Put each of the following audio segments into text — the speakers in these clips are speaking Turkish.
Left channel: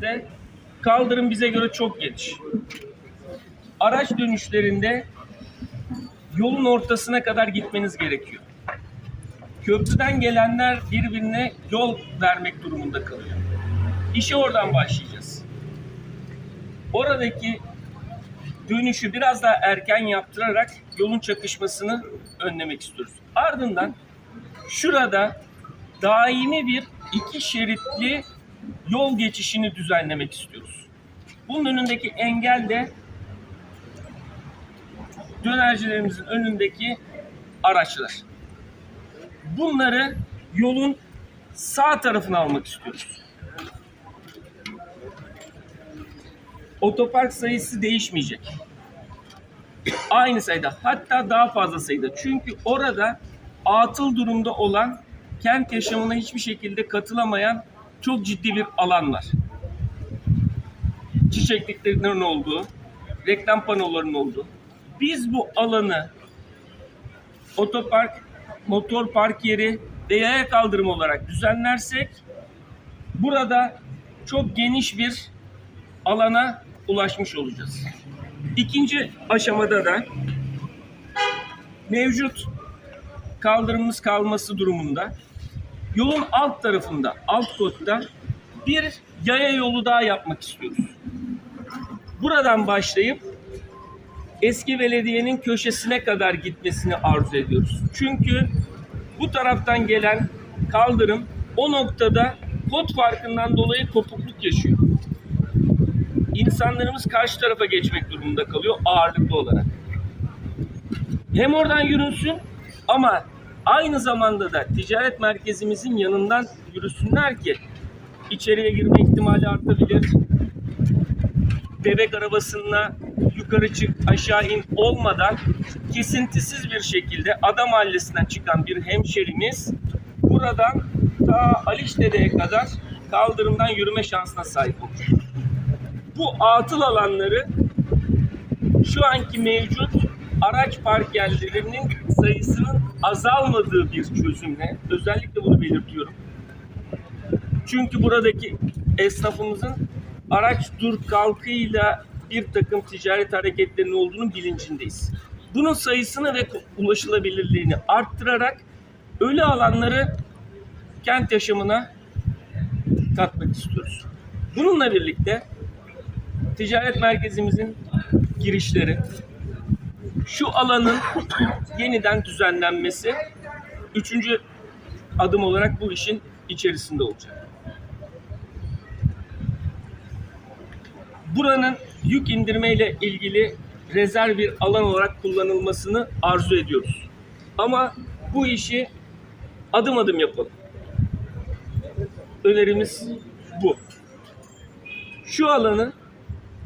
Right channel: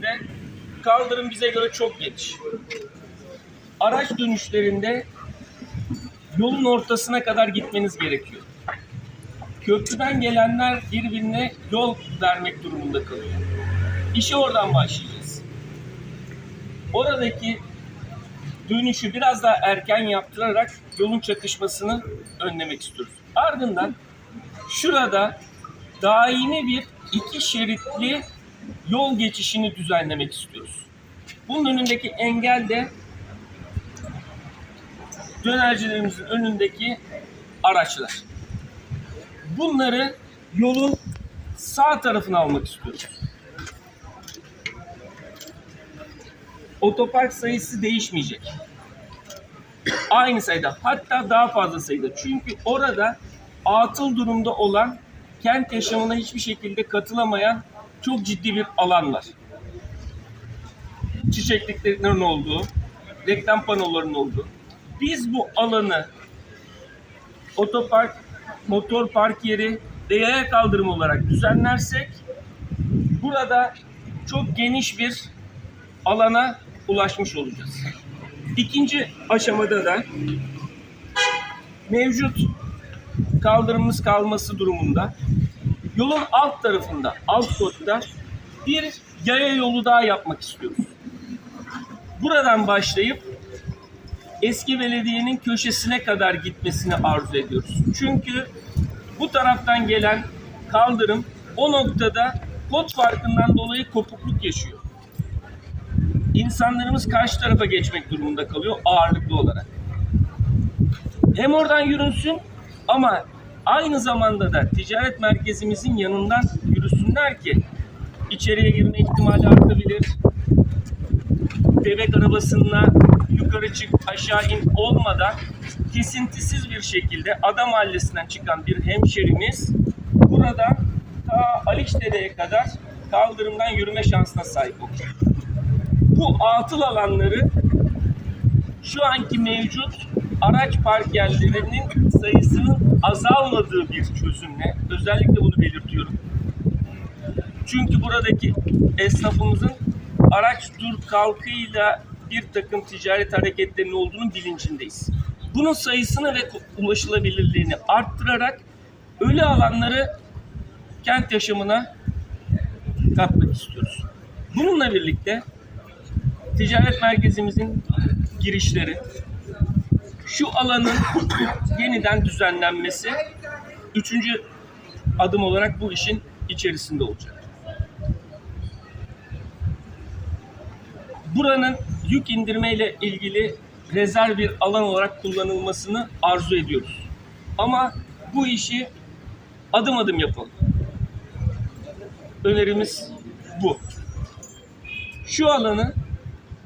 birlikte kaldırım bize göre çok geniş. Araç dönüşlerinde yolun ortasına kadar gitmeniz gerekiyor. Köprüden gelenler birbirine yol vermek durumunda kalıyor. İşe oradan başlayacağız. Oradaki dönüşü biraz daha erken yaptırarak yolun çakışmasını önlemek istiyoruz. Ardından şurada daimi bir iki şeritli yol geçişini düzenlemek istiyoruz. Bunun önündeki engel de dönercilerimizin önündeki araçlar. Bunları yolun sağ tarafına almak istiyoruz. Otopark sayısı değişmeyecek. Aynı sayıda hatta daha fazla sayıda. Çünkü orada atıl durumda olan kent yaşamına hiçbir şekilde katılamayan çok ciddi bir alan var. Çiçekliklerin olduğu, reklam panolarının olduğu. Biz bu alanı otopark, motor park yeri ve yaya kaldırım olarak düzenlersek burada çok geniş bir alana ulaşmış olacağız. İkinci aşamada da mevcut kaldırımımız kalması durumunda yolun alt tarafında, alt kotta bir yaya yolu daha yapmak istiyoruz. Buradan başlayıp eski belediyenin köşesine kadar gitmesini arzu ediyoruz. Çünkü bu taraftan gelen kaldırım o noktada kod farkından dolayı kopukluk yaşıyor. İnsanlarımız karşı tarafa geçmek durumunda kalıyor ağırlıklı olarak. Hem oradan yürünsün ama aynı zamanda da ticaret merkezimizin yanından yürüsünler ki içeriye girme ihtimali artabilir. Bebek arabasına yukarı çık aşağı in olmadan kesintisiz bir şekilde Ada Mahallesi'nden çıkan bir hemşerimiz buradan ta Alişdere'ye kadar kaldırımdan yürüme şansına sahip olacak. Bu atıl alanları şu anki mevcut araç park yerlerinin sayısının azalmadığı bir çözümle özellikle bunu belirtiyorum. Çünkü buradaki esnafımızın araç dur kalkıyla bir takım ticaret hareketlerinin olduğunu bilincindeyiz. Bunun sayısını ve ulaşılabilirliğini arttırarak ölü alanları kent yaşamına katmak istiyoruz. Bununla birlikte ticaret merkezimizin girişleri, şu alanın yeniden düzenlenmesi üçüncü adım olarak bu işin içerisinde olacak. Buranın yük indirmeyle ilgili rezerv bir alan olarak kullanılmasını arzu ediyoruz. Ama bu işi adım adım yapalım. Önerimiz bu. Şu alanı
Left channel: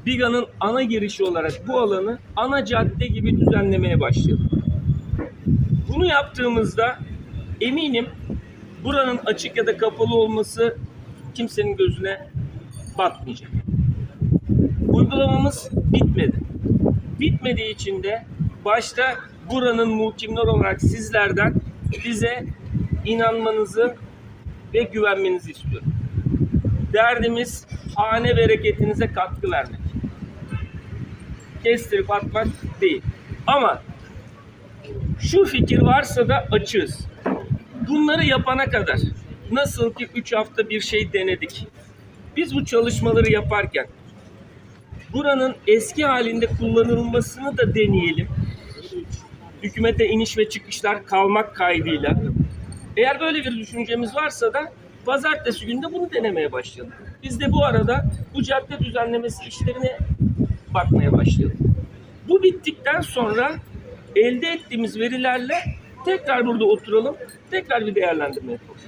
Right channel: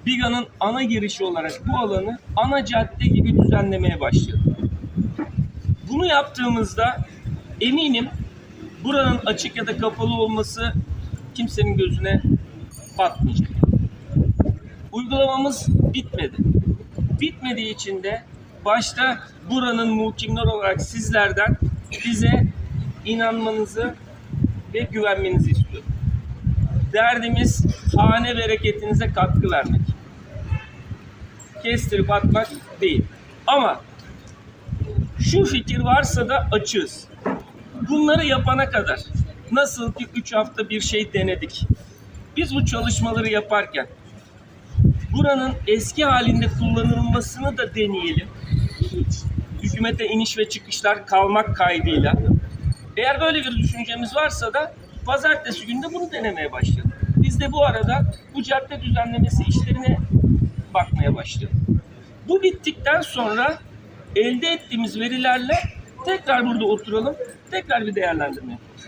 Biga'nın ana girişi olarak bu alanı ana cadde gibi düzenlemeye başlayalım. Bunu yaptığımızda eminim buranın açık ya da kapalı olması kimsenin gözüne batmayacak. Uygulamamız bitmedi. Bitmediği için de başta buranın muhkimler olarak sizlerden bize inanmanızı ve güvenmenizi istiyorum. Derdimiz hane bereketinize katkı vermek. Kestirip atmak değil. Ama şu fikir varsa da açığız. Bunları yapana kadar nasıl ki 3 hafta bir şey denedik. Biz bu çalışmaları yaparken buranın eski halinde kullanılmasını da deneyelim. Hükümete iniş ve çıkışlar kalmak kaydıyla. Eğer böyle bir düşüncemiz varsa da pazartesi günde bunu denemeye başlayalım. Biz de bu arada bu cadde düzenlemesi işlerine bakmaya başlayalım. Bu bittikten sonra elde ettiğimiz verilerle tekrar burada oturalım, tekrar bir değerlendirme yapalım.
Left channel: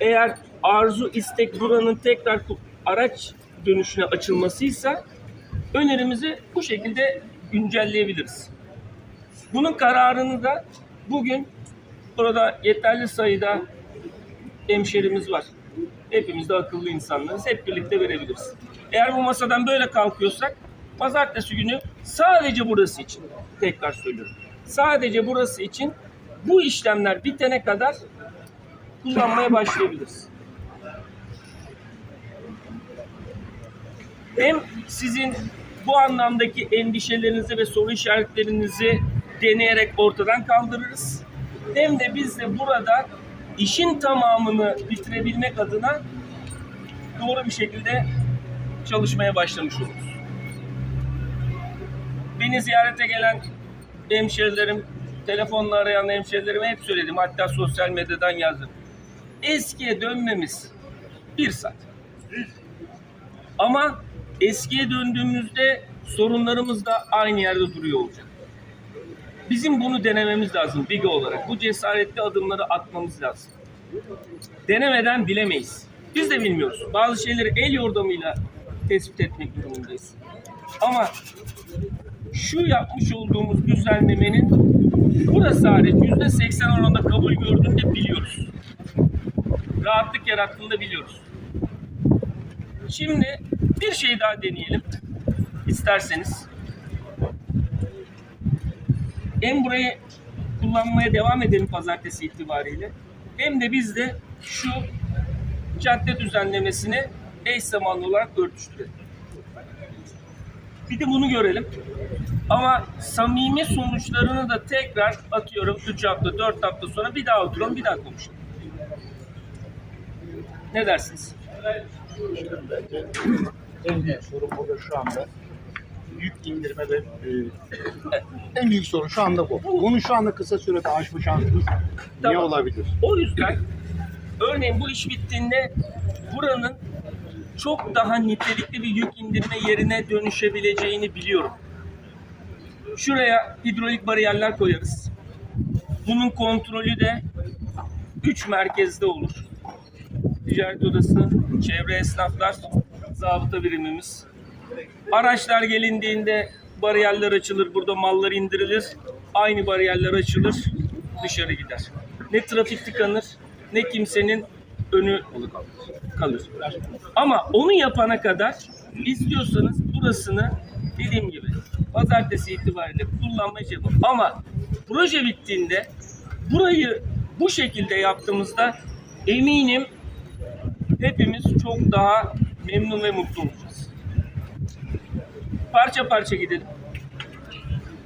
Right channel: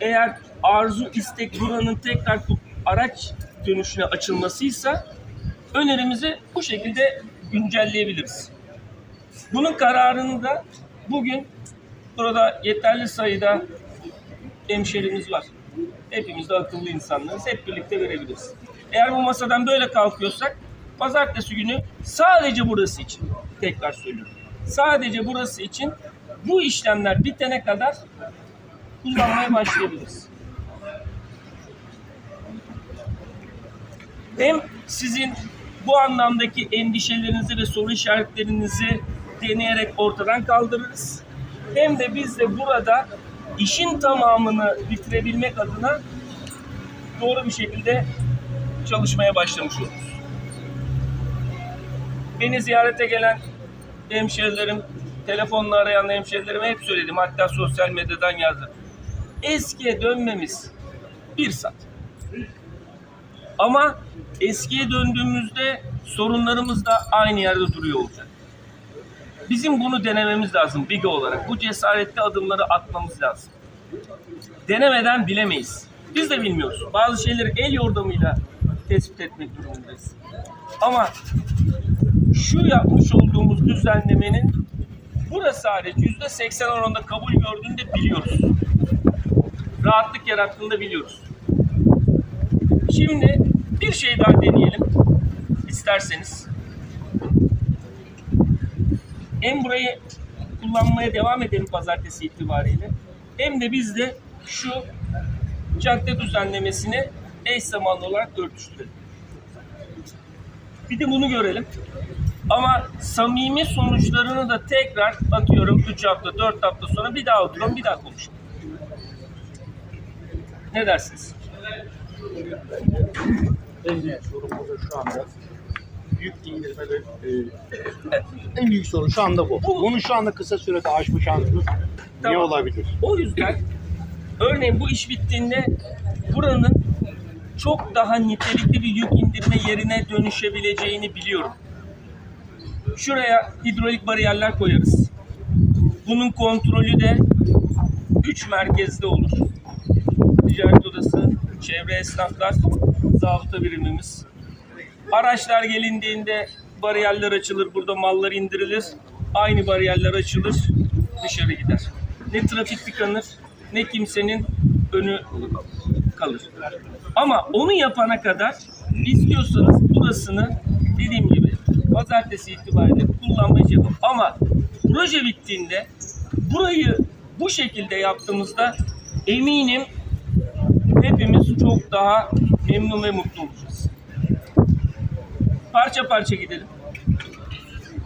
Eğer arzu, istek buranın tekrar araç dönüşüne açılmasıysa önerimizi bu şekilde güncelleyebiliriz. Bunun kararını da bugün burada yeterli sayıda hemşerimiz var. Hepimiz de akıllı insanlarız. Hep birlikte verebiliriz. Eğer bu masadan böyle kalkıyorsak pazartesi günü sadece burası için tekrar söylüyorum. Sadece burası için bu işlemler bitene kadar kullanmaya başlayabiliriz. Hem sizin bu anlamdaki endişelerinizi ve soru işaretlerinizi deneyerek ortadan kaldırırız. Hem de biz de burada işin tamamını bitirebilmek adına doğru bir şekilde çalışmaya başlamış oluruz. Beni ziyarete gelen hemşerilerim, telefonla arayan hemşerilerime hep söyledim. Hatta sosyal medyadan yazdım. Eskiye dönmemiz bir saat. Ama eskiye döndüğümüzde sorunlarımız da aynı yerde duruyor olacak. Bizim bunu denememiz lazım BİGE olarak. Bu cesaretli adımları atmamız lazım. Denemeden bilemeyiz. Biz de bilmiyoruz. Bazı şeyleri el yordamıyla tespit etmek durumundayız. Ama şu yapmış olduğumuz düzenlemenin burası hariç yüzde seksen oranında kabul gördüğünü de biliyoruz. Rahatlık yarattığını da biliyoruz. Şimdi bir şey daha deneyelim. isterseniz. Hem burayı kullanmaya devam edelim pazartesi itibariyle. Hem de biz de şu cadde düzenlemesini eş zamanlı olarak örtüştürelim. Bir de bunu görelim. Ama samimi sonuçlarını da tekrar atıyorum 3 hafta 4 hafta sonra bir daha oturalım bir daha konuşalım. Ne dersiniz? En büyük sorun burada şu anda yük indirme ve e, en büyük sorun şu anda bu. Bunu şu anda kısa sürede aşma şansımız ne Tamam. olabilir? O yüzden örneğin bu iş bittiğinde buranın çok daha nitelikli bir yük indirme yerine dönüşebileceğini biliyorum. Şuraya hidrolik bariyerler koyarız. Bunun kontrolü de 3 merkezde olur. Ticaret odası, çevre esnaflar, zabıta birimimiz. Araçlar gelindiğinde bariyerler açılır, burada mallar indirilir. Aynı bariyerler açılır, dışarı gider. Ne trafik tıkanır, ne kimsenin önü kalır. Ama onu yapana kadar istiyorsanız burasını dediğim gibi pazartesi itibariyle kullanmaya şey yapın. Ama proje bittiğinde burayı bu şekilde yaptığımızda eminim hepimiz çok daha memnun ve mutlu olacağız. Parça parça gidelim.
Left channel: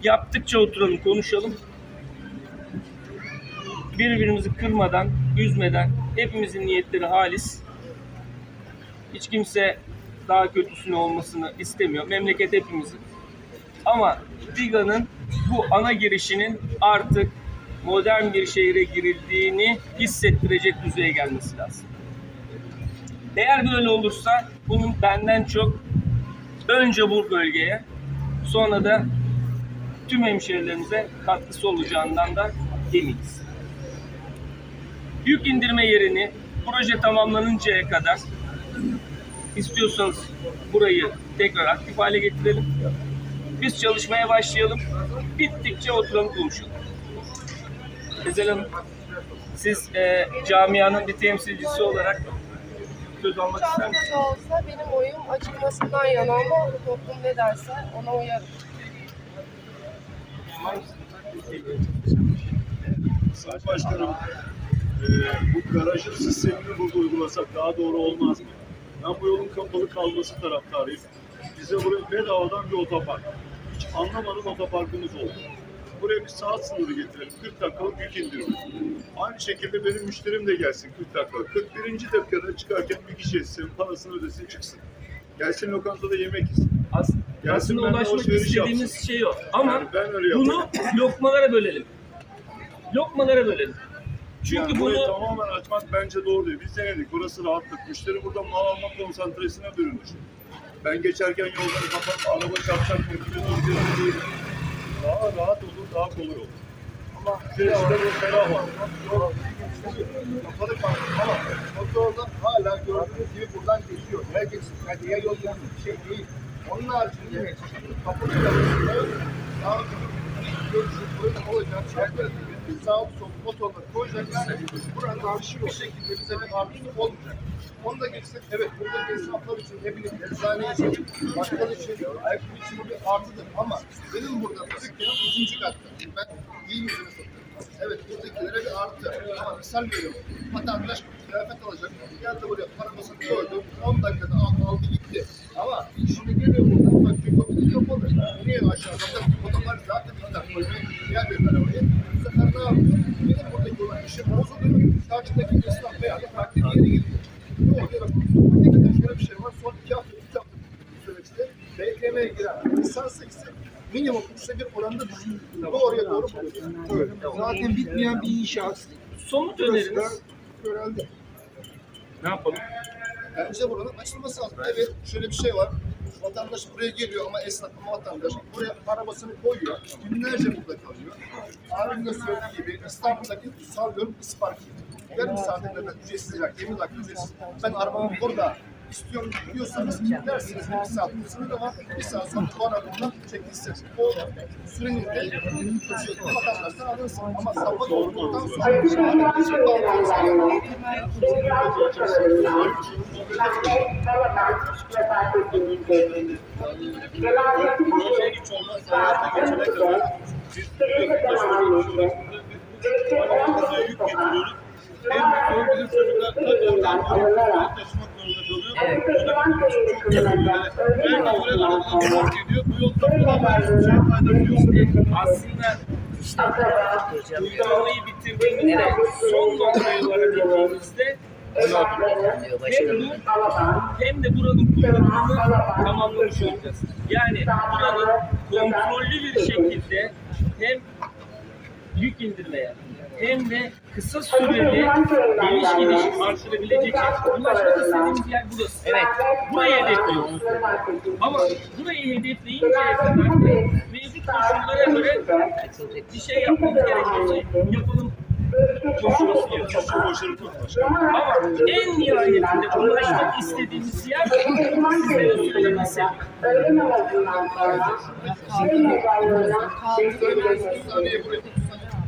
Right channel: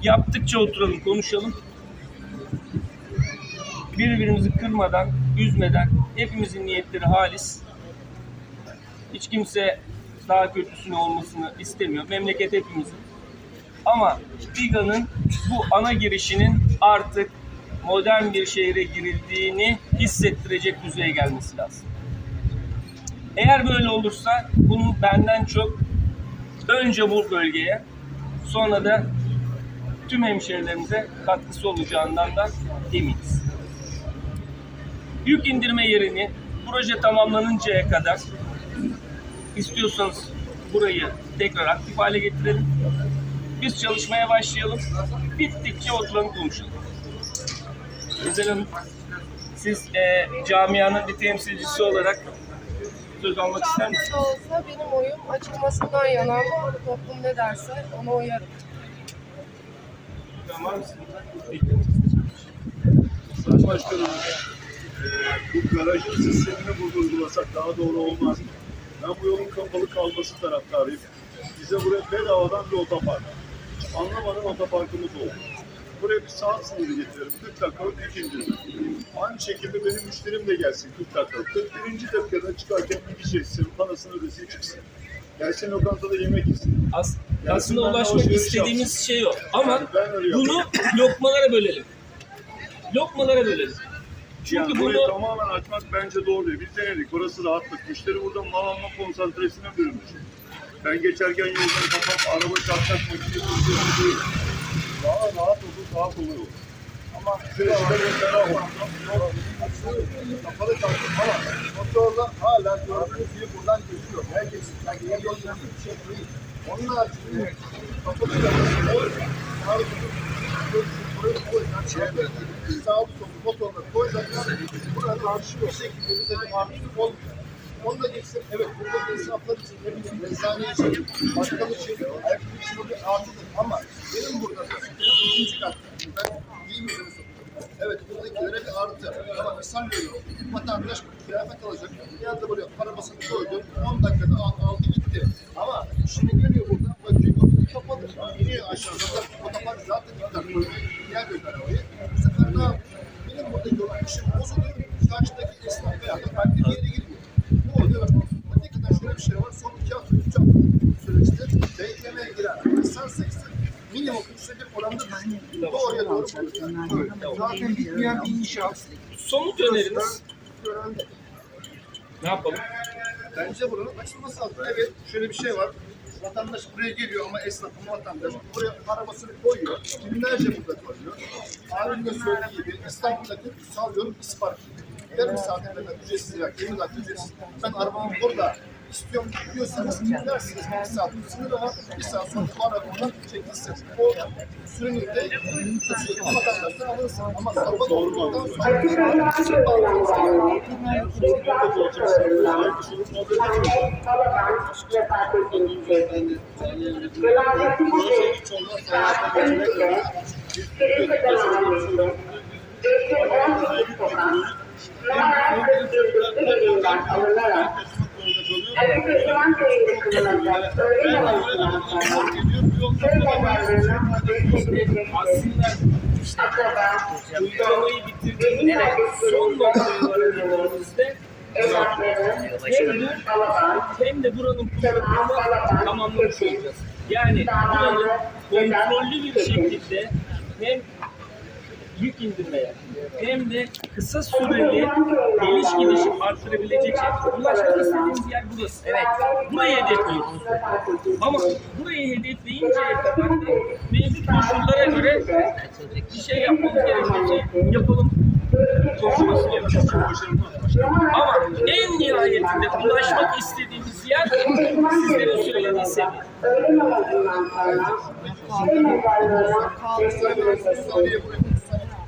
Yaptıkça oturalım, konuşalım. Birbirimizi kırmadan, üzmeden hepimizin niyetleri halis. Hiç kimse daha kötüsünü olmasını istemiyor. Memleket hepimizin. Ama Biga'nın bu ana girişinin artık modern bir şehre girildiğini hissettirecek düzeye gelmesi lazım. Eğer böyle olursa bunun benden çok önce bu bölgeye sonra da tüm hemşehrilerimize katkısı olacağından da eminiz. Yük indirme yerini proje tamamlanıncaya kadar istiyorsanız burayı tekrar aktif hale getirelim. Biz çalışmaya başlayalım. Bittikçe oturalım konuşalım. Güzel Hanım, siz e, camianın bir temsilcisi olarak söz almak ister misiniz? de olsa benim oyum açılmasından yana ama toplum ne derse ona uyarım. Sayın Başkanım, eee, bu garajın sistemini burada uygulasak daha doğru olmaz mı? Ben bu yolun kapalı kalması taraftarıyım. Bize buraya bedavadan bir otopark. Hiç anlamadan otoparkımız oldu. Buraya bir saat sınırı getirelim. 40 dakikalık yük indirme. Aynı şekilde benim müşterim de gelsin 40 dakika. 41. dakikada çıkarken bir kişi etsin, parasını ödesin çıksın. Gelsin lokantada yemek yesin. As- Gelsin aslında ulaşmak alışveriş istediğimiz yapsın. şey o. Ama Yani ben öyle bunu lokmalara bölelim. Lokmalara bölelim. Çünkü Yani bunu tamamen açmak bence doğru değil. Biz denedik. Burası rahatlık. Müşteri burada mal alma konsantresine bürünmüş. Ben geçerken yolları kapat, araba çarpacak müşteri üzerinde değil. Daha rahat olur, daha kolay olur. Ama içerisinde bu ferah var. kapalı kaldı ama motorla hala gördüğünüz gibi buradan geçiyor. Herkes yani diğer yol yanında bir şey değil. Onun haricinde kapalı kaldı. Yarın burayı olacak. Çekmedi. Sağlı solu motorla koyacaklar. Buranın artışı bir şekilde bize bir artışı olmayacak. Onu da geçsin. Evet buradaki esnaflar için ne bileyim eczane için, bakkal için, ayakkabı için bu bir artıdır. Ama benim burada dükkanım ikinci katta. Ben giyim ürünü satıyorum. Evet buradakilere bir artı. Ama misal veriyorum. Vatandaş kıyafet alacak. Geldi buraya arabasını koydu. 10 dakikada al- aldı gitti. Ama şimdi geliyor buradan bakıyor kapalı. İniyor aşağı zaten otopark zaten iptal koymaya gelmiyor arabayı. Bu sefer ne yapıyor? Benim buradaki olan işim bozuluyor. Karşıdaki esnaf veya da farklı bir yere gidiyor. Ne oluyor? Bak, hakikaten şöyle bir şey var. Son iki hafta, üç hafta süreçte BKM'ye giren insan sayısı minimum üçte bir oranda doğruya doğru buluyor. Zaten bitmeyen bir inşaat. Somut öneriniz Öğrendi. ne yapalım? Bence buranın açılması lazım. Evet, şöyle bir şey var. Vatandaş buraya geliyor ama esnaf vatandaş buraya arabasını koyuyor. Günlerce burada kalıyor. Abinin de söylediği gibi İstanbul'daki sallıyorum İspark gibi. Yarım saate kadar ücretsiz ya 20 dakika ücretsiz. Ben arabamı burada istiyorum diyorsanız dersiniz bir saat sınırı var. Bir saat sonra bu arabadan çekilsiniz. O sürenin de vatandaştan alırsın. Ama sabah olduktan sonra açık bağlantınız gerekiyor. Projeye hiç olmazsa hayata çok kötü. Yani belki öyle arabalar fark ediyor. Bu yol kapalı. Hiçbir şey faydası yok. Aslında işte uygulamayı bitirdiğimizde son noktaya varabildiğimizde hem bu hem de buranın kullanımını tamamlamış olacağız. Yani buranın kontrollü bir şekilde hem yük indirmeye hem de kısa süreli geliş gidiş arttırabilecek şey. Ulaşmak istediğimiz yer burası. Evet. Burayı hedefliyoruz. Ama burayı hedefleyinceye kadar da mevcut koşullara göre bir şey yapmamız gerekiyorsa yapalım koşulması yapacağız. Ama en nihayetinde ulaşmak istediğimiz yer sizlerin söylediği seviye. saniye buraya, 30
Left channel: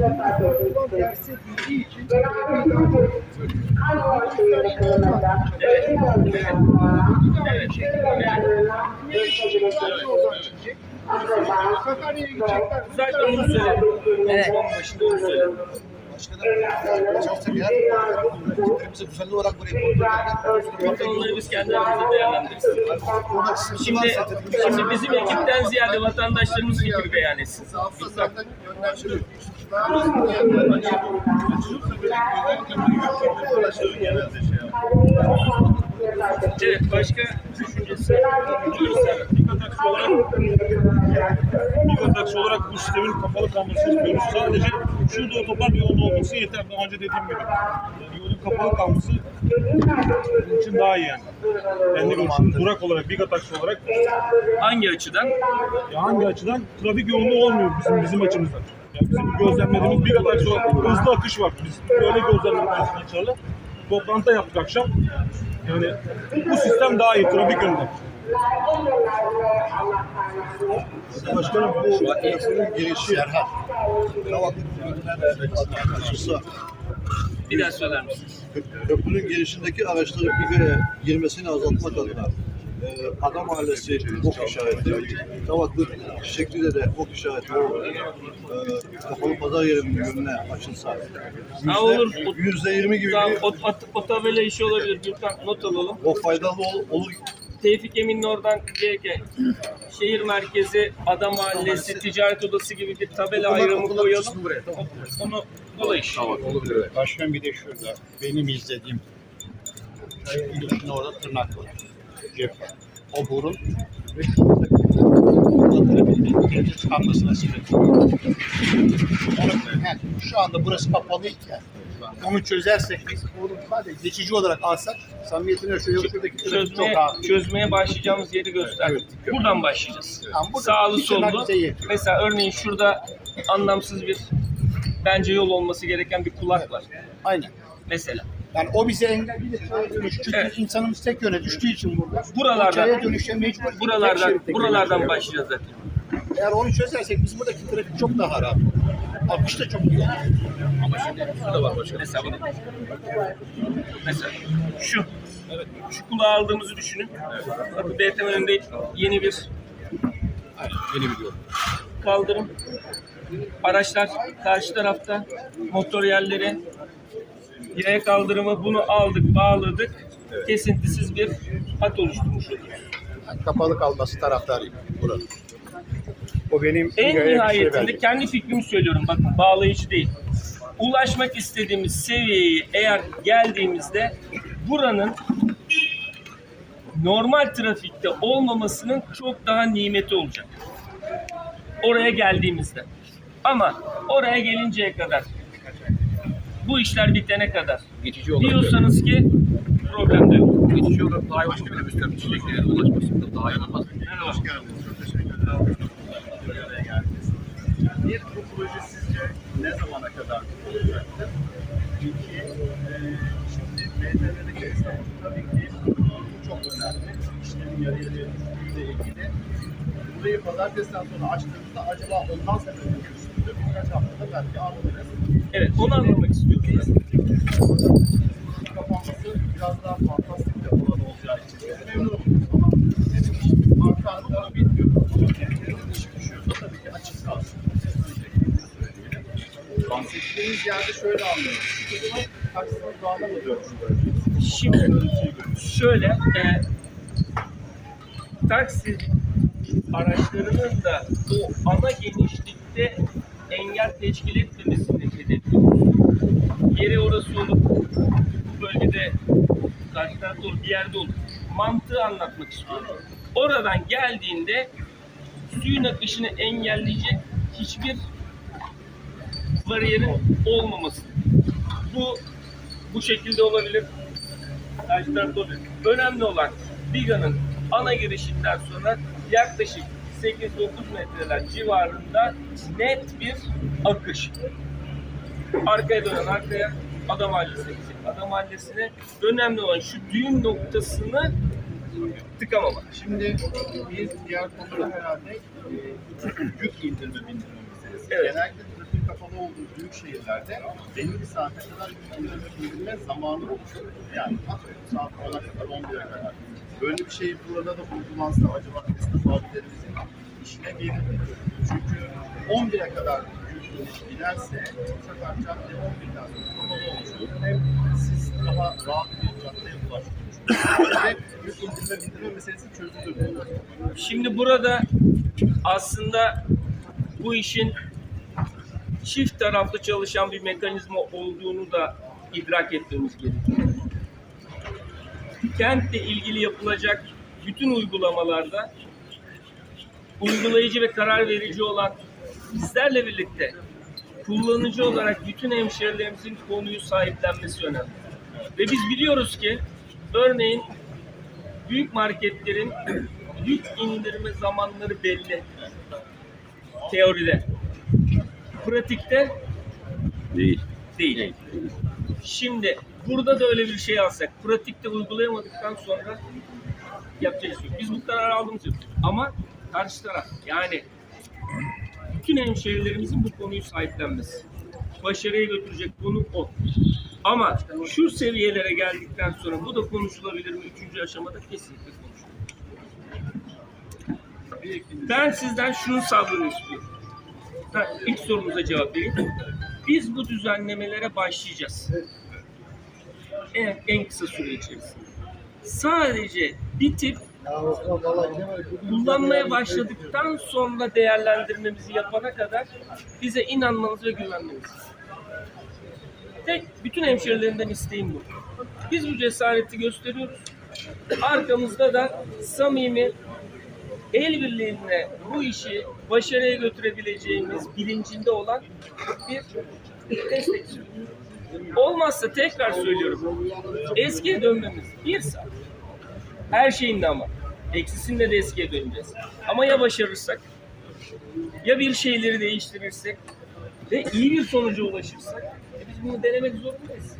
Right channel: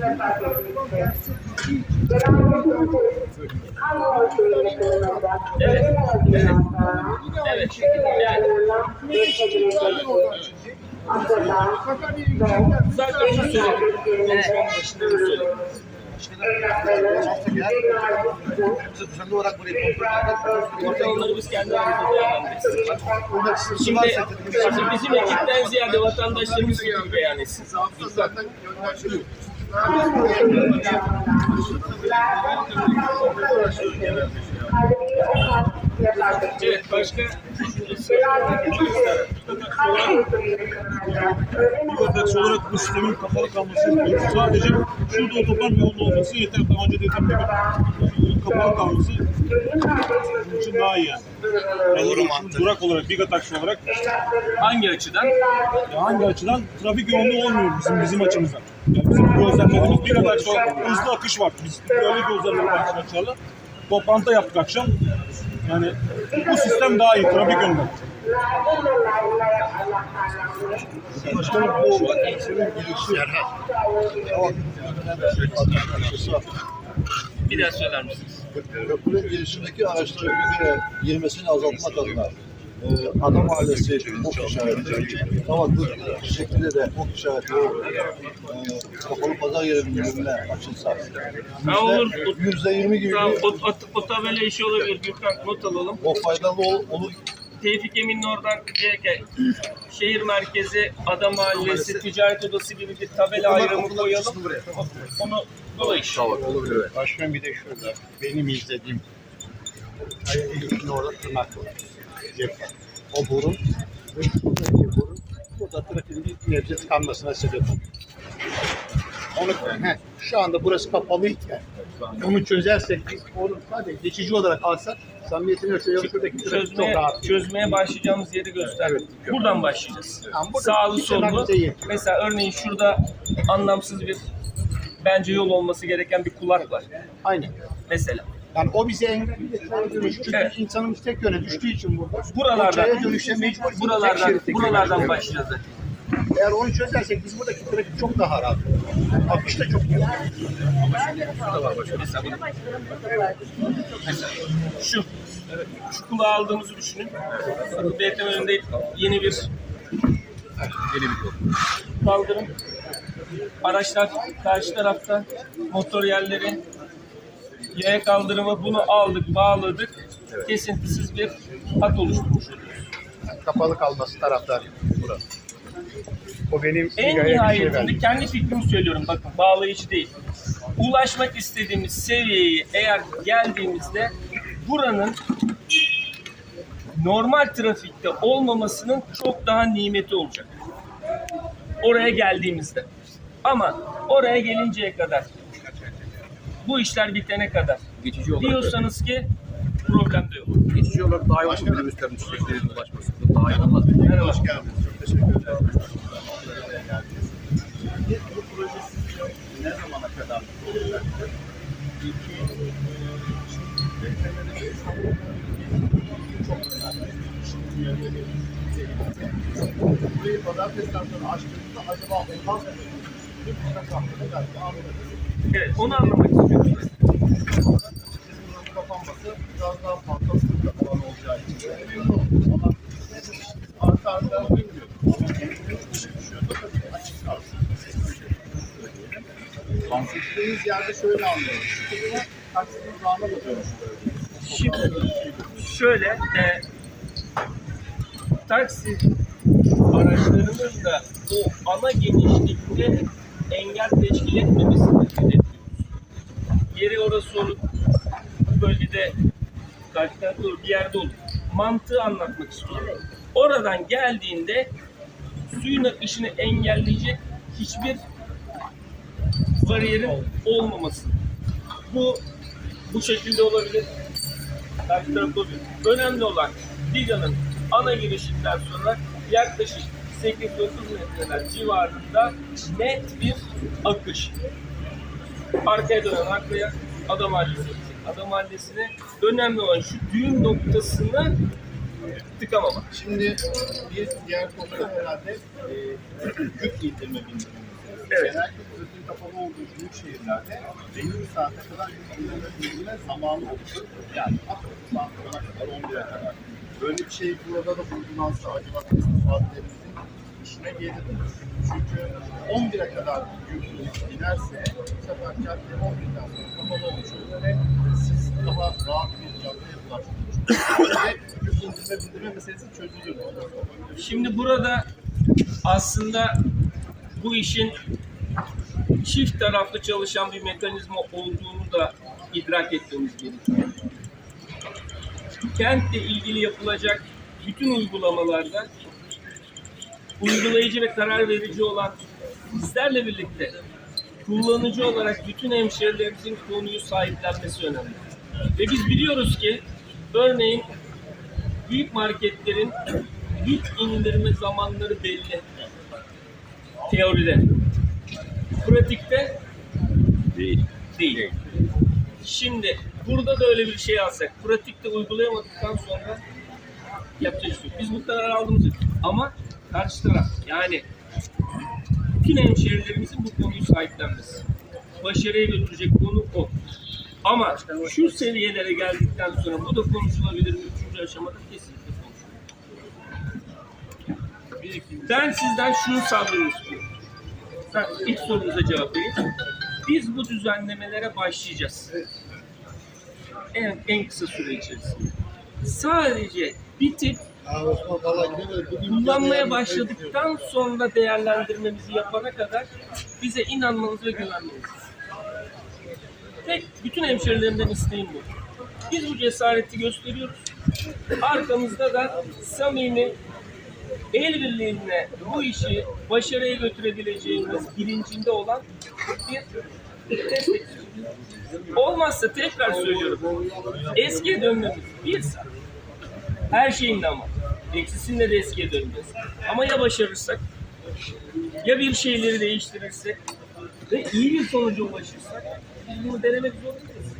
olmuyor. Herkes geldi. Evet. Evet. Evet. Yani Sakarya'ya gidecekler. zaten onu söyledim. Konuşmanın başında onu söyledim. Burada onları biz kendi aramızda değerlendiririz. Şimdi, şimdi bizim ekipten ziyade vatandaşlarımız fikir beyan etsin. Gönderiliyor. Evet, başka düşüncesi. Yurttaş olarak bu sistemin kapalı kalmasını istiyoruz. Sadece şurada otoban yolunda olması yeter. Daha önce dediğim gibi. Kapalı kalması için daha iyi yani. Yani şu durak olarak, Biga taksi olarak Hangi açıdan? ya hangi açıdan trafik yoğunluğu olmuyor bizim bizim açımızdan. Yani bizim gözlemlediğimiz Biga taksi olarak hızlı akış var. Biz böyle gözlemledik arkadaşlarla. Toplantı yaptık akşam. Yani bu sistem daha iyi trafik yönünden. Başkanım bu yapının girişi Erhan. Tamam. Karşısı Bir daha söyler misiniz? köprünün girişindeki araçların bir kere girmesini azaltmak adına e, Adam Mahallesi ok işareti, Kavaklık şeklinde de ok işareti o e, kapalı pazar yerinin önüne açılsa. Ha, olur. Yüzde yirmi gibi Tamam, bir o, o, o tabela işi olabilir. Gürkan not alalım. o faydalı ol- olur. Tevfik Emin'in oradan GK, şehir merkezi, Adam Mahallesi, ticaret odası gibi bir tabela ayrımı koyalım. Onu kolay iş. Başkan bir de şurada benim izlediğim Kaya orada tırnak var. Cep var. O burun ve şuradaki trafiğin ileride tıkanmasına sebep oluyor. Onu, he, şu anda burası kapalıyken onu çözersek biz onu sadece geçici olarak alsak samimiyetine şöyle şuradaki Çözmeye, çözmeye başlayacağımız yeri gösterdik. Buradan başlayacağız. Tamam, burada Sağlı sollu. Mesela örneğin şurada anlamsız bir bence yol olması gereken bir kulak var. Aynen. Mesela. Yani o bize engel bir de çaya dönüş. Çünkü Evet. insanımız tek yöne düştüğü için burada. Buralardan- Çaya dönüşe mecbur. Buralardan buralardan başlayacağız zaten. Eğer onu çözersek biz buradaki trafik çok daha rahat. Akış da çok iyi. Şurada var başka hesabını. Mesela şu. Şu kulağı aldığımızı düşünün. Bakın BTM önünde yeni bir Yeni bir yol. kaldırım. Araçlar karşı tarafta. Motor yerleri. Yaya kaldırımı bunu aldık, bağladık. Kesintisiz bir hat oluşturmuş oluyoruz. Kapalı kalması taraftarıyım. Burası. O benim En şey nihayetinde verdi. kendi fikrimi söylüyorum bakın bağlayıcı değil. Ulaşmak istediğimiz seviyeye eğer geldiğimizde buranın normal trafikte olmamasının çok daha nimeti olacak. Oraya geldiğimizde. Ama oraya gelinceye kadar bu işler bitene kadar Geçici olarak diyorsanız ki problem de yok. geçici olarak daha iyi olur minibüslerin çiçeklerin ulaşmasında daha iyi olmaz. Merhaba. Hoş geldiniz. Çok teşekkür ederim. Bir. Bir, bu proje sizce ne zamana kadar olacaktır? İki, e, şimdi BTM'deki esnafın tabii ki çok önemli. İşlerin yarı yarıya ilgili. Burayı pazartesiden sonra açtığınızda acaba ondan sonra düşündük. Birkaç haftada belki anlarız. Evet onu anlamak istiyorum. Buranın kapanması biraz daha fantastik bir alan olacağı için de memnunum. Ama arka arka bilmiyorum. Ama kendileri dışı düşüyorsa tabii ki açık kalsın. Bahsettiğimiz yerde şöyle anlıyorum. Şu kısmı mı dönüştü? Şimdi şöyle e, taksi araçlarının da o ana genişlikte engel teşkil etmemesini hedefliyoruz. Yeri orası olup bu bölgede karşı tarafta olur, bir yerde olur. Mantığı anlatmak istiyorum. Oradan geldiğinde suyun akışını engelleyecek hiçbir bariyerin olmaması. Bu bu şekilde olabilir. Karşı tarafta olabilir. Önemli olan Biga'nın ana girişinden sonra yaklaşık 8-9 metreler civarında net bir akış. Arkaya dönen arkaya, adam mahallesine gidecek. Adam mahallesine önemli olan şu düğüm noktasını tıkamamak. Şimdi bir diğer konu herhalde e, yük indirme bindirme meselesi. Evet. Genellikle trafiğin kapalı olduğu büyük şehirlerde belli bir saate kadar yük indirme bindirme zamanı olur. Yani atıyorum saat 10'a kadar 11'e kadar. Böyle bir şey burada da uygulansa acaba esnaf abilerimizin işine gelir? Çünkü 11'e kadar yük inip inerse bu sefer cadde 11'den sonra kapalı olmuş olur. Hem siz daha rahat bir caddeye ulaştırmış. Ve yük indirme bindirme meselesi çözülür. Şimdi burada aslında bu işin çift taraflı çalışan bir mekanizma olduğunu da idrak etmemiz gerekiyor. Kentle ilgili yapılacak bütün uygulamalarda uygulayıcı ve karar verici olan bizlerle birlikte kullanıcı olarak bütün hemşehrilerimizin konuyu sahiplenmesi önemli. Ve biz biliyoruz ki örneğin büyük marketlerin yük indirme zamanları belli. Teoride. Pratikte Değil. değil. Şimdi burada da öyle bir şey alsak, pratikte uygulayamadıktan sonra yapacak bir şey yok. Biz bu kararı aldığımız için. Ama karşı taraf yani bütün hemşehrilerimizin bu konuyu sahiplenmesi. Başarıya götürecek konu o. Ama şu seviyelere geldikten sonra bu da konuşulabilir mi? Üçüncü aşamada kesinlikle konuşulur. Ben sizden şunu sabrını istiyorum. Ben ilk sorunuza cevap vereyim. Biz bu düzenlemelere başlayacağız. En, en kısa süre içerisinde. Sadece bir tip Ya Osman valla gidemedik. Bugün kullanmaya başladıktan sonra değerlendirmemizi yapana kadar bize inanmanız ve güvenmeniz. Tek bütün hemşerilerimden isteğim bu. Biz bu cesareti gösteriyoruz. Arkamızda da samimi el birliğine bu işi başarıya götürebileceğimiz bilincinde olan bir destekçi. Olmazsa tekrar söylüyorum. Eskiye dönmemiz bir saat. Her şeyinde ama. Eksisinde de eskiye döneceğiz. Ama ya başarırsak, ya bir şeyleri değiştirirsek ve iyi bir sonuca ulaşırsak biz bunu denemek zorundayız.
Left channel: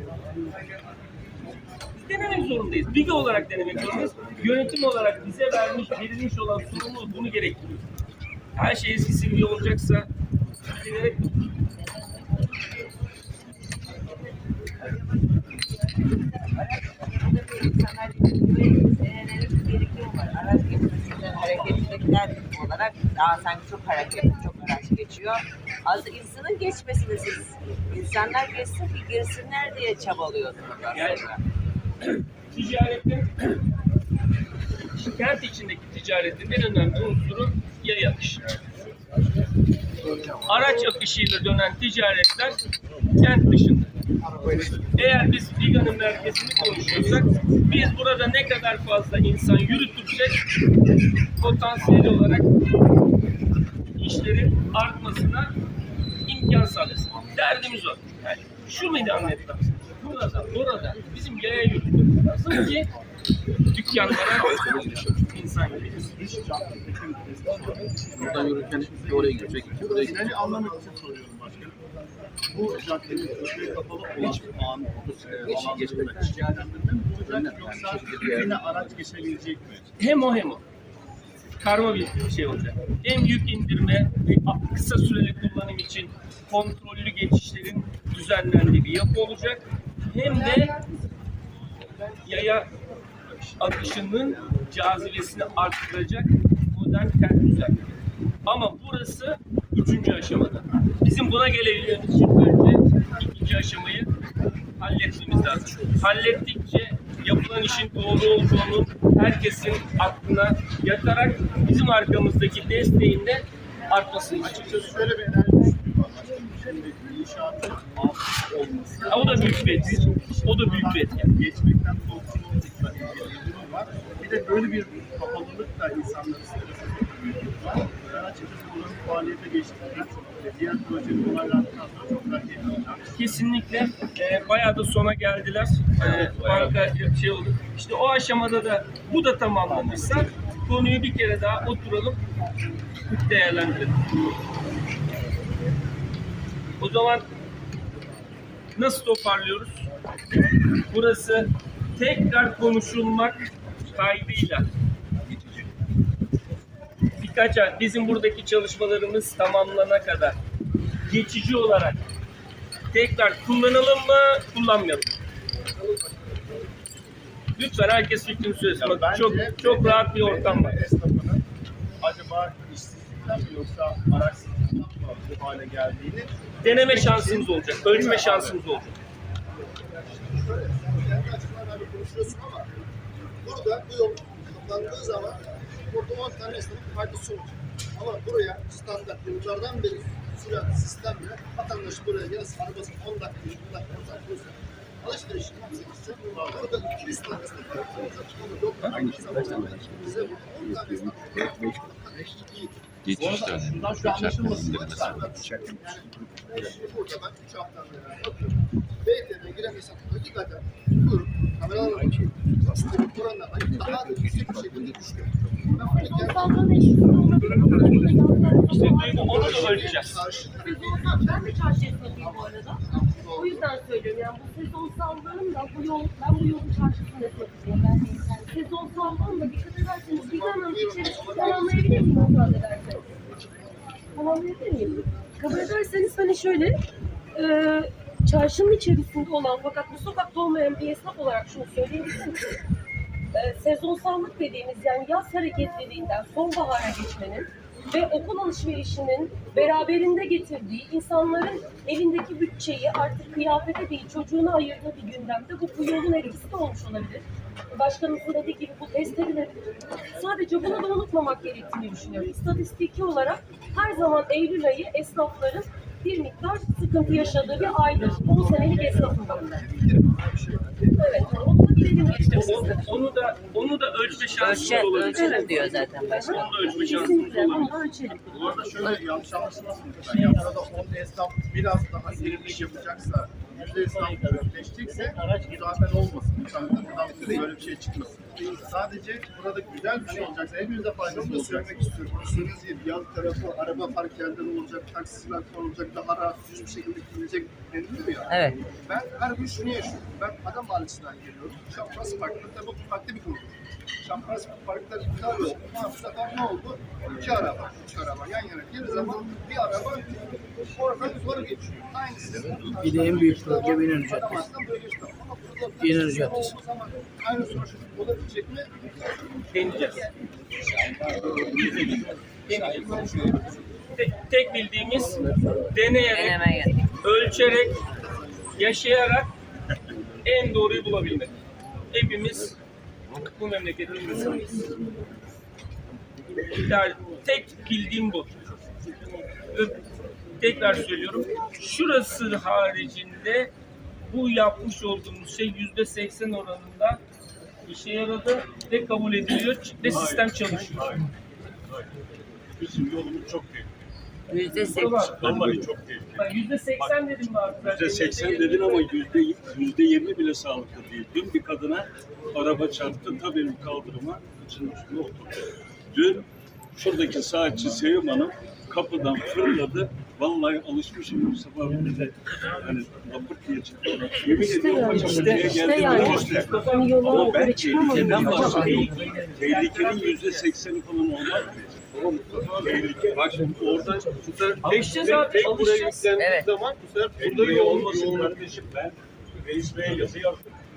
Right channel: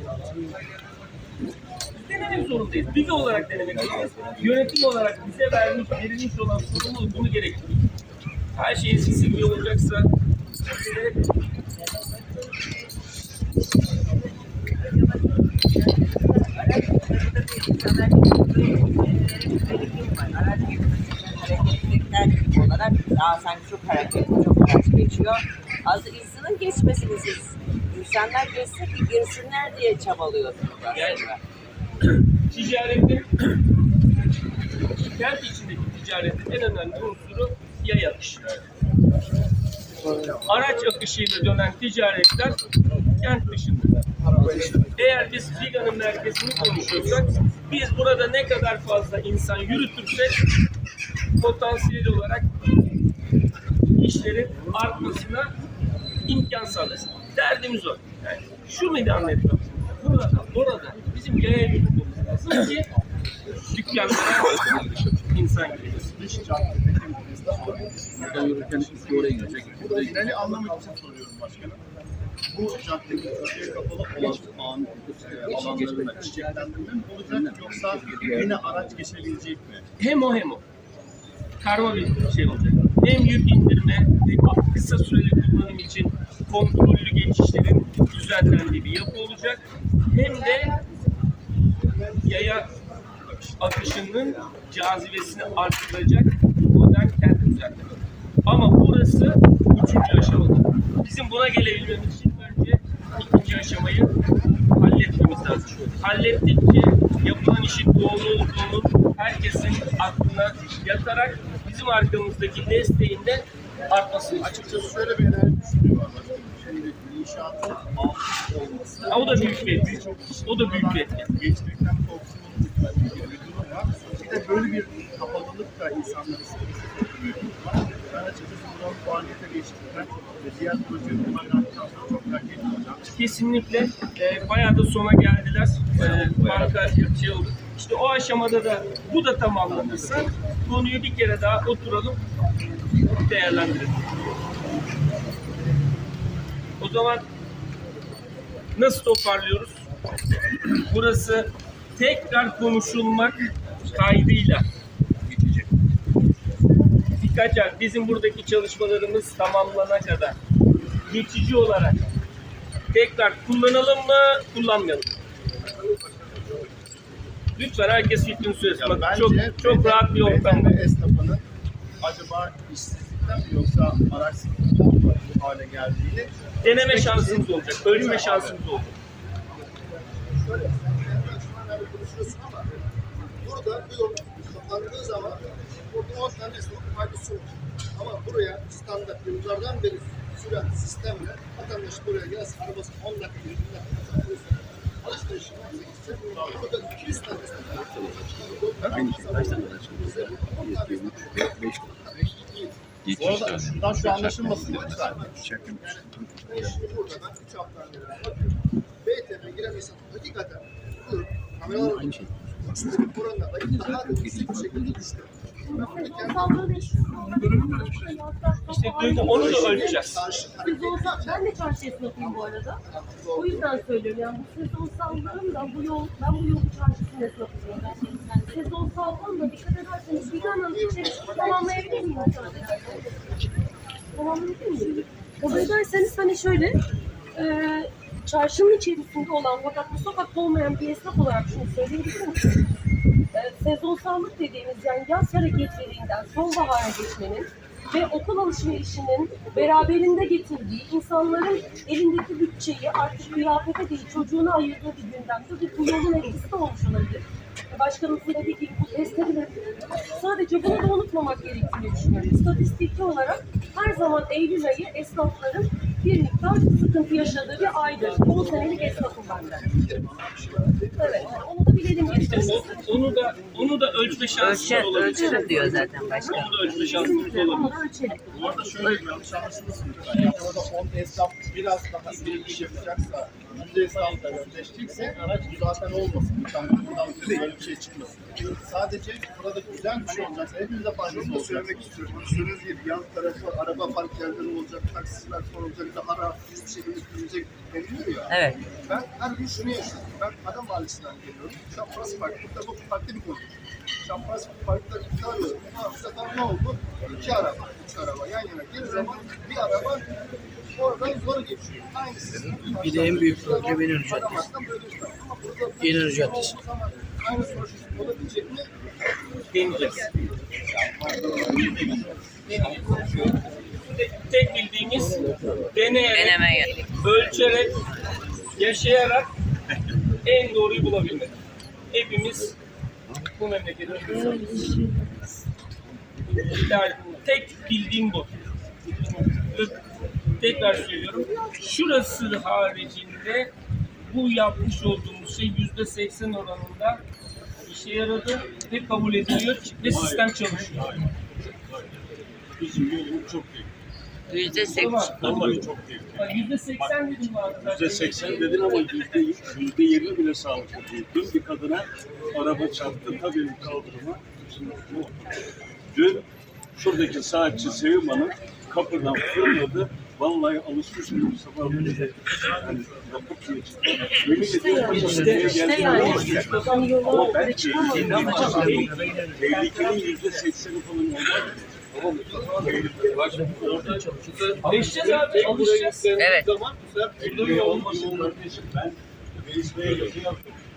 Biz denemek zorundayız. Bilgi olarak denemek zorundayız. Yönetim olarak bize vermiş, verilmiş olan sorumluluk bunu gerektiriyor. Her şey eskisi gibi olacaksa gerek yok. Hareketlilikten olarak daha sanki çok hareketli, çok araç geçiyor. Aslında insanın geçmesini siz insanlar geçsin ki girsinler diye çabalıyorsunuz aslında. ticaretin kent içindeki ticaretin en önemli unsuru yaya akışı. Araç akışıyla dönen ticaretler kent dışında. Eğer biz Figa'nın merkezini konuşuyorsak biz burada ne kadar fazla insan yürütürsek potansiyel olarak işlerin artmasına imkan sağlarız. Derdimiz o. Yani şu meydan etrafında, burada, orada bizim yaya yürütmemiz lazım ki dükkanlara insan geliyor. Buradan yürürken iki oraya girecek, iki. Yani anlamak için soruyorum başkanım. Bu caddenin trafiğe kapalı olan an, bu alanlarında çiçeklendirme mi olacak yoksa yine araç geçebilecek mi? Hem o hem o. Karma bir şey olacak. Hem yük indirme, hem kısa süreli kullanım için kontrollü geçişlerin düzenlendiği bir yapı olacak. Hem de yaya akışının cazibesini arttıracak modern kent düzenleme. Ama burası üçüncü aşamada. Bizim buna gelebilmemiz için önce ikinci aşamayı halletmemiz lazım. Hallettikçe yapılan işin doğru olduğunun herkesin aklına yatarak bizim arkamızdaki desteğin de artmasını. Açıkçası şöyle bir enerji var başkanım. Şimdi inşaatın altı olması. Ha, o da büyük bir etki. O da büyük bir etki. Geçmekten ilgili bir durum var. Bir de böyle bir kapalılık da insanları strese sokuyor var. Ben açıkçası buranın faaliyete geçtiğinden ve diğer projenin onaylandıktan sonra çok merak olacağım. Kesinlikle e, bayağı da sona geldiler. E, banka şey oldu. İşte o aşamada da bu da tamamlanırsa konuyu bir kere daha oturalım değerlendirelim. O zaman nasıl toparlıyoruz? Burası tekrar konuşulmak kaydıyla. Birkaç ay bizim buradaki çalışmalarımız tamamlana kadar geçici olarak tekrar kullanalım mı, kullanmayalım? Lütfen herkes fikrini söylesin. Bak Bence çok çok rahat bir ortam var. Esnafının acaba işsizlikten mi yoksa araçsızlıktan mı bu hale geldiğini Deneme şansımız olacak, ölçme şansımız olacak. Şöyle, kendi açından böyle konuşuyorsun ama burada bu yol kapandığı zaman burada 10 tane esnafın faydası olur. Ama buraya standart yıllardan beri süren sistemle vatandaş buraya gelsin arabasını 10 dakika, 20 dakika uzatıyorsa alışverişini yapsa gitse burada 200 tane esnaf var. Aynı şey. Bize bu 10 tane esnaf Bu arada şundan şu anlaşılmasın lütfen. Yani ben şimdi burada ben 3 haftadan beri bakıyorum. BTM giremesem hakikaten bu onu da ölçeceğiz. ben de çarşı esnafıyım bu arada. O yüzden söylüyorum yani bu sezonsallığın da bu yol, ben bu yolun çarşısının esnafıyım. Yani sezonsallığın da dikkat ederseniz bir dönem içerisinde tamamlayabilir miyim müsaade ederseniz? Tamamlayabilir miyim? Kabul ederseniz hani şöyle, e, çarşının içerisinde olan fakat bu sokakta olmayan bir esnaf olarak şunu söyleyebilirim ki, e, sezonsallık dediğimiz yani yaz hareketliliğinden sonbahara geçmenin ve okul alışverişinin beraberinde getirdiği insanların elindeki bütçeyi artık kıyafete değil çocuğuna ayırdığı bir gündemde bu, bu yolun etkisi de olmuş olabilir. Başkanımızın dediği gibi bu test. Sadece bunu da unutmamak gerektiğini düşünüyorum. İstatistiki olarak her zaman Eylül ayı esnafların bir miktar sıkıntı yaşadığı bir aydır. 10 senelik esnafım ben de. Evet, yani onu da bilelim İşte o, onu da onu da ölçme şansımız Ölçer, olabilir. ölçerim diyor zaten başkan. Onu da ölçme şansımız Kesinlikle olabilir. onu da ölçelim. Bu arada şöyle bir yanlış anlaşılmasın lütfen. Ya burada 10 esnaf biraz daha iyi iş yapacaksa, yüzde esnaf geçecekse bu zaten olmasın. Lütfen buradan böyle bir şey çıkmasın. Sadece burada güzel bir şey olacaksa hepimize faydası olacak. söylemek istiyorum. Söylediğiniz gibi yan tarafı araba park yerleri olacak, taksiciler konulacak, daha rahat düz bir şekilde gidecek deniliyor ya. Evet. Ben her gün şunu yaşıyorum. Ben Adam Mahallesi'nden geliyorum. Çapraz Park'ta bu farklı bir konu. Çapraz Park'ta iptal oldu. Ha, bu sefer ne oldu? İki araba, üç araba yan yana geldiği zaman bir araba oradan zor geçiyor. Aynı sistem. Bir de en büyük problem İnönü Caddesi. İşte. Ama burada İnönü Caddesi. Aynı sonuç olabilecek mi? deneyeceğiz. Deneyeceğiz. Te- tek bildiğimiz deneyerek, Denemeye. ölçerek, yaşayarak en doğruyu bulabilmek. Hepimiz bu memleketin insanıyız. Yani tek bildiğim bu. Tekrar söylüyorum. Şurası haricinde bu yapmış olduğumuz şey yüzde seksen oranında işe yaradı ve kabul ediliyor ve sistem çalışıyor. Hayır. Hayır. Bizim yolumuz çok değil. Yüzde seksen. Vallahi çok tehlikeli. Yüzde seksen dedim abi? Yüzde seksen dedin ama yüzde yüzde yirmi bile sağlıklı değil. Dün bir kadına araba çarptı ta benim kaldırıma oturdu. Dün şuradaki saatçi Sevim Hanım kapıdan fırladı. Vallahi alışmışım bu sabah böyle hani yapıp diye çıktı. Yemin ediyorum işte, işte yani. Ama bahsediyorum. Tehlikenin yüzde sekseni falan olmaz. Tamam oradan Beşeceğiz abi, alışacağız. Evet. zaman bu sefer burada yoğun yoğun kardeşim ben Reis Bey'e yazı.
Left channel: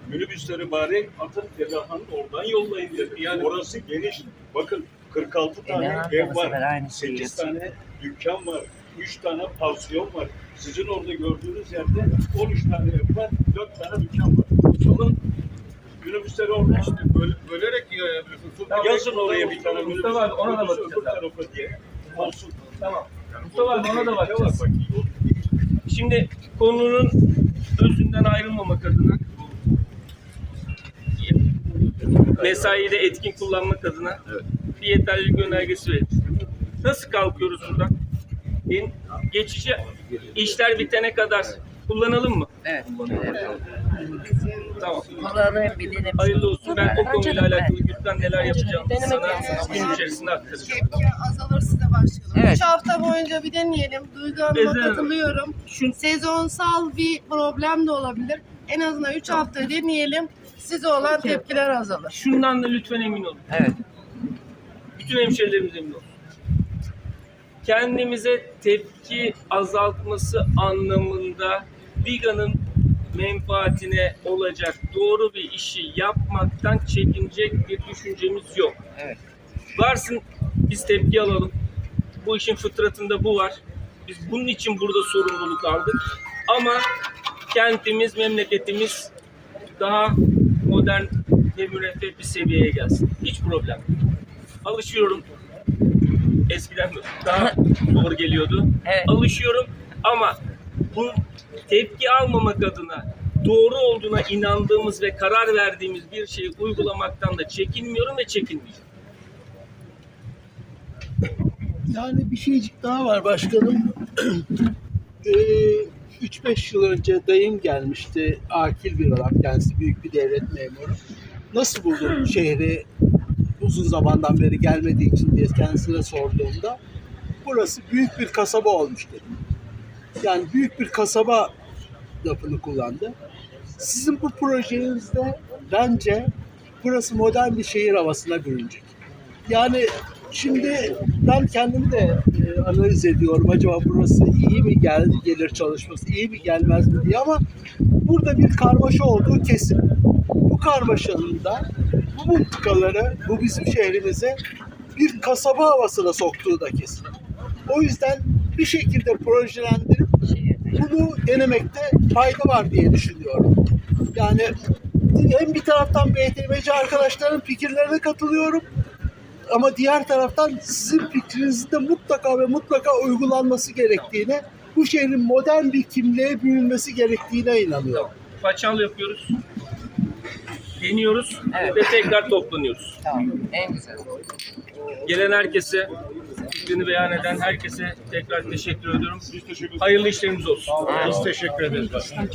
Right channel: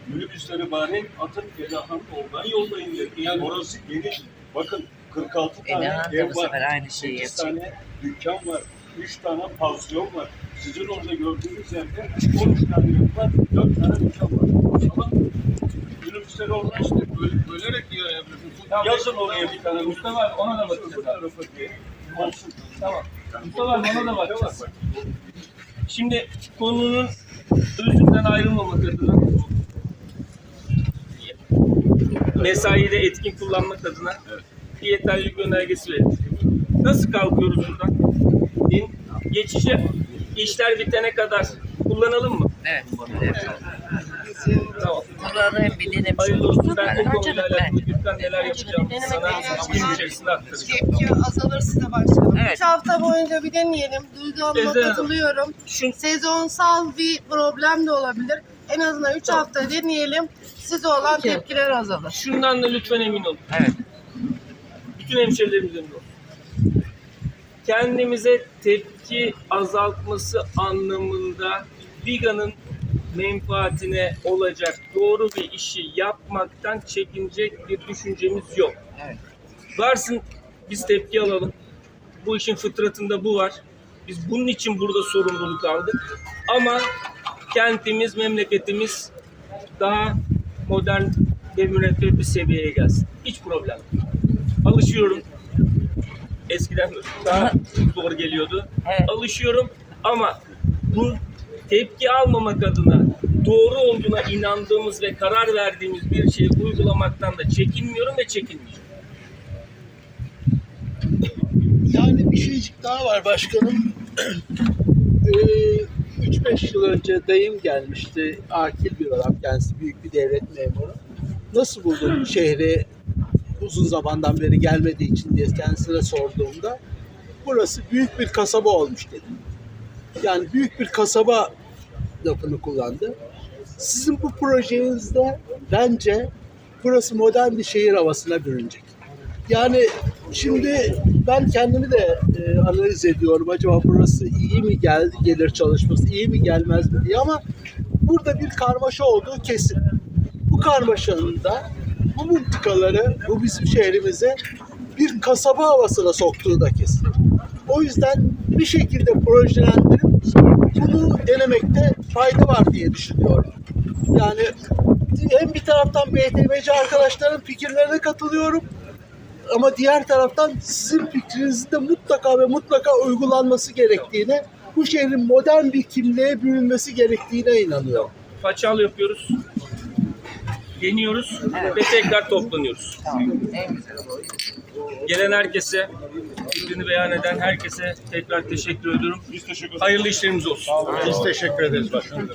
Minibüsleri bari atın Edahan oradan yollayın dedim. Yani orası geniş. Bakın 46 tane ev var. aynı şeyi 8 tane dükkan var. 3 tane pansiyon var. Sizin orada gördüğünüz yerde 13 tane ev var. 4 tane dükkan var. Alın minibüsleri oradan işte böyle, bölerek diyor ya. Yazın oraya bir tane Mustafa abi, ona da bakacağız abi. Olsun. Tamam. Mustafa abi ona da bakacağız. Bak, Şimdi konunun özünden ayrılmamak adına mesaiyi de etkin kullanmak adına bir yeterlilik önergesi verin. Nasıl kalkıyoruz buradan? In- Geçici işler bitene kadar kullanalım mı? Evet. Tamam. Kulağını hem bildiğin hem Hayırlı olsun. Ben o konuyla alakalı Gürkan neler yapacağımı Denemek sana gün içerisinde aktaracağım. Tepki azalır size başlayalım. Evet. 3 hafta boyunca bir deneyelim. Duygu Hanım'a Ezel. katılıyorum. Şu Sezonsal bir problem de olabilir. En azından 3 hafta deneyelim. Size olan tepkiler azalır. şundan da lütfen emin olun. Evet. bütün hemşerilerimiz emin olsun. Kendimize tepki azaltması anlamında Viga'nın menfaatine olacak doğru bir işi yapmaktan çekinecek bir düşüncemiz yok. Evet. Varsın biz tepki alalım. Bu işin fıtratında bu var. Biz bunun için burada sorumluluk aldık. Ama kentimiz, memleketimiz daha modern ve müreffeh bir seviyeye gelsin. Hiç problem. Alışıyorum. Eskiden daha zor geliyordu. Evet. Alışıyorum ama bu tepki almamak adına doğru olduğuna inandığımız ve karar verdiğimiz bir şeyi uygulamaktan da çekinmiyorum ve çekinmeyeceğim. Yani bir şeycik daha var başkanım. Ee, 3-5 yıl önce dayım gelmişti. Akil bir adam kendisi büyük bir devlet memuru. Nasıl buldun şehri uzun zamandan beri gelmediği için diye kendisine sorduğumda burası büyük bir kasaba olmuş dedi. Yani büyük bir kasaba lafını kullandı. Sizin bu projenizde bence burası modern bir şehir havasına bürünecek. Yani şimdi ben kendimi de e, analiz ediyorum. Acaba burası iyi mi geldi gelir çalışması, iyi mi gelmez mi diye ama burada bir karmaşa olduğu kesin. Bu karmaşanın da bu mıntıkaları, bu bizim şehrimize bir kasaba havasına soktuğu da kesin. O yüzden bir şekilde projelendirip bunu denemekte fayda var diye düşünüyorum. Yani hem bir taraftan BTMC arkadaşların fikirlerine katılıyorum ama diğer taraftan sizin fikrinizin de mutlaka ve mutlaka uygulanması gerektiğine, bu şehrin modern bir kimliğe bürünmesi gerektiğine inanıyorum. Paçal yapıyoruz. Deniyoruz Evet. ve tekrar toplanıyoruz. Tamam. En güzel. Gelen herkese, fikrini beyan eden herkese tekrar teşekkür ediyorum. Biz teşekkür ederiz. Hayırlı işlerimiz olsun. Biz teşekkür ederiz başkanım.